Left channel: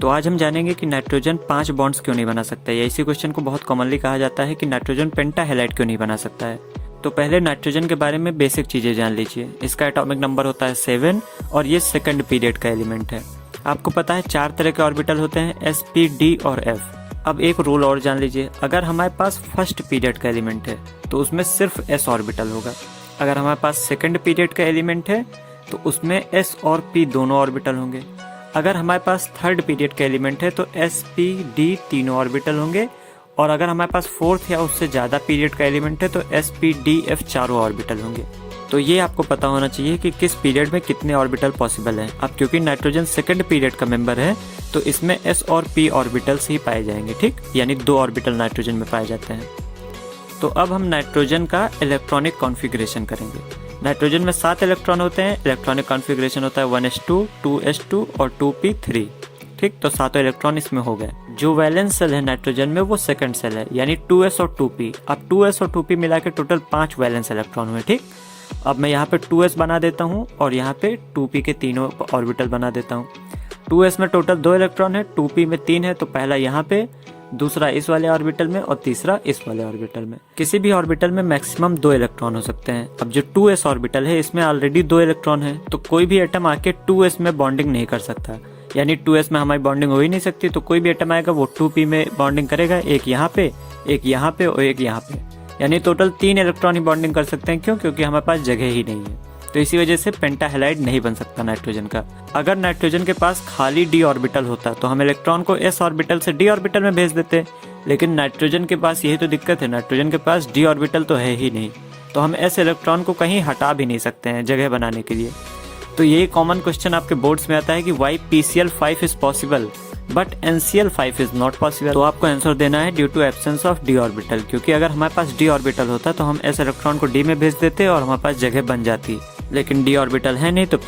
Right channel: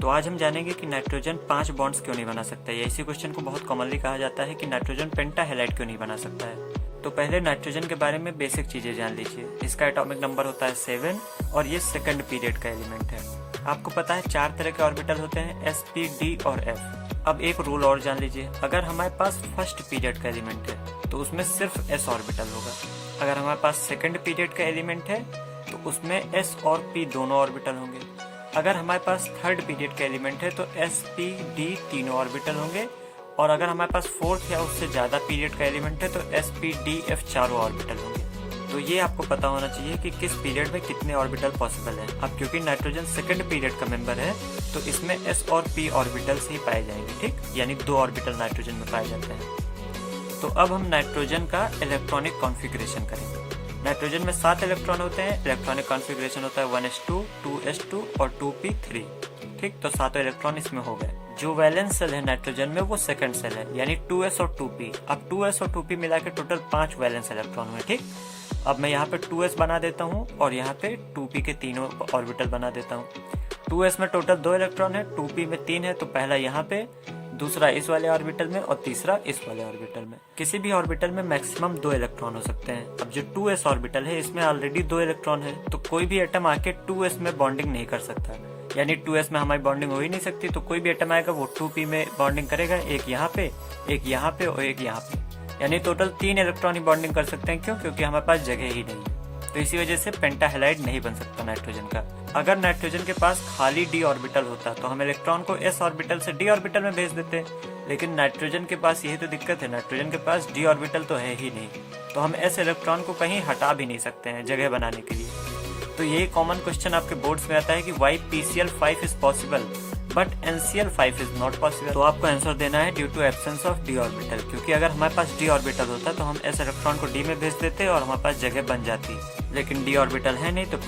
तो आज हम जानेंगे कि नाइट्रोजन 5 बॉन्ड्स क्यों नहीं बना सकता है, या इसी क्वेश्चन को बहुत कॉमनली कहा जाता है कि नाइट्रोजन पेंटाहेलाइड क्यों नहीं बना सकता है। तो पहले नाइट्रोजन के बारे में बेसिक चीजें जान लीजिए। इसका एटॉमिक नंबर होता है 7 और ये सेकंड पीरियड का एलिमेंट है। आपको पता है 4 तरह के ऑर्बिटल होते हैं, s, p, d और f। अब एक रूल और जान लीजिए, अगर हमारे पास फर्स्ट पीरियड का एलिमेंट है तो उसमें सिर्फ s ऑर्बिटल होगा। अगर हमारे पास सेकंड पीरियड का एलिमेंट है तो उसमें s और p दोनों ऑर्बिटल होंगे। अगर हमारे पास थर्ड पीरियड का एलिमेंट है तो s, p, d तीनों ऑर्बिटल होंगे। और अगर हमारे पास फोर्थ या उससे ज़्यादा पीरियड का एलिमेंट है तो s, p, d, f चारों ऑर्बिटल होंगे। तो ये आपको पता होना चाहिए कि किस पीरियड में कितने ऑर्बिटल पॉसिबल हैं। अब क्योंकि नाइट्रोजन सेकंड पीरियड का मेंबर है तो इसमें s और p ऑर्बिटल्स ही पाए जाएंगे, ठीक, यानी 2 ऑर्बिटल नाइट्रोजन में पाए जाते हैं। तो अब हम नाइट्रोजन का इलेक्ट्रॉनिक कॉन्फ़िगरेशन करेंगे। नाइट्रोजन में 7 इलेक्ट्रॉन होते हैं। इलेक्ट्रॉनिक कॉन्फ़िगरेशन होता है 1s2, 2s2 और 2p3। ठीक, तो 7 इलेक्ट्रॉन इसमें हो गए। जो वैलेंस सेल है नाइट्रोजन में वो सेकंड सेल है, यानी 2s और 2p। अब 2s और 2p मिला के टोटल 5 वैलेंस इलेक्ट्रॉन हुए। ठीक, अब मैं यहाँ पे 2s बना देता हूँ और यहाँ पे 2p के तीनों ऑर्बिटल बना देता हूँ। 2s में टोटल 2 इलेक्ट्रॉन है, 2p में 3 है, तो पहला यहाँ पे, दूसरा इस वाले ऑर्बिटल में और तीसरा इस वाले ऑर्बिटल में। किसी भी ऑर्बिटल में मैक्सिमम 2 इलेक्ट्रॉन हो सकते हैं। अब जो 2s ऑर्बिटल है इसमें ऑलरेडी 2 इलेक्ट्रॉन है, तो कोई भी एटम आके 2s में बॉन्डिंग नहीं कर सकता, यानी 2s में हमारी बॉन्डिंग हो ही नहीं सकती। तो कोई भी एटम आएगा वो 2p में बॉन्डिंग करेगा, एक यहाँ पे, एक यहाँ पे और एक यहाँ पे, यानी टोटल 3 इलेक्ट्रॉन ही बॉन्डिंग कर सकते हैं। क्यों? क्योंकि हमारे पास जगह ही नहीं है। तो इसी वजह से पेंटाहेलाइड नहीं बन सकता नाइट्रोजन का। अगर नाइट्रोजन के पास खाली d ऑर्बिटल होता तो हम इलेक्ट्रॉन को s ऑर्बिटल से d ऑर्बिटल में भेज देते, लेकिन नाइट्रोजन के पास यही तो दिक्कत है, नाइट्रोजन के पास d ऑर्बिटल तो है ही नहीं, तो हम s इलेक्ट्रॉन को कहीं हटा भी नहीं सकते हैं जगह बनाने के लिए। तो यही कॉमन क्वेश्चन आपके बोर्ड्स में आता है कि why PCl5 is possible but NCl5 is not possible. तो आपको आंसर देना है due to absence of d orbital, क्योंकि अगर हमारे पास d ऑर्बिटल होता तो हम s इलेक्ट्रॉन को d में भेज देते और हमारे पास जगह बन जाती, लेकिन d ऑर्बिटल है नहीं तो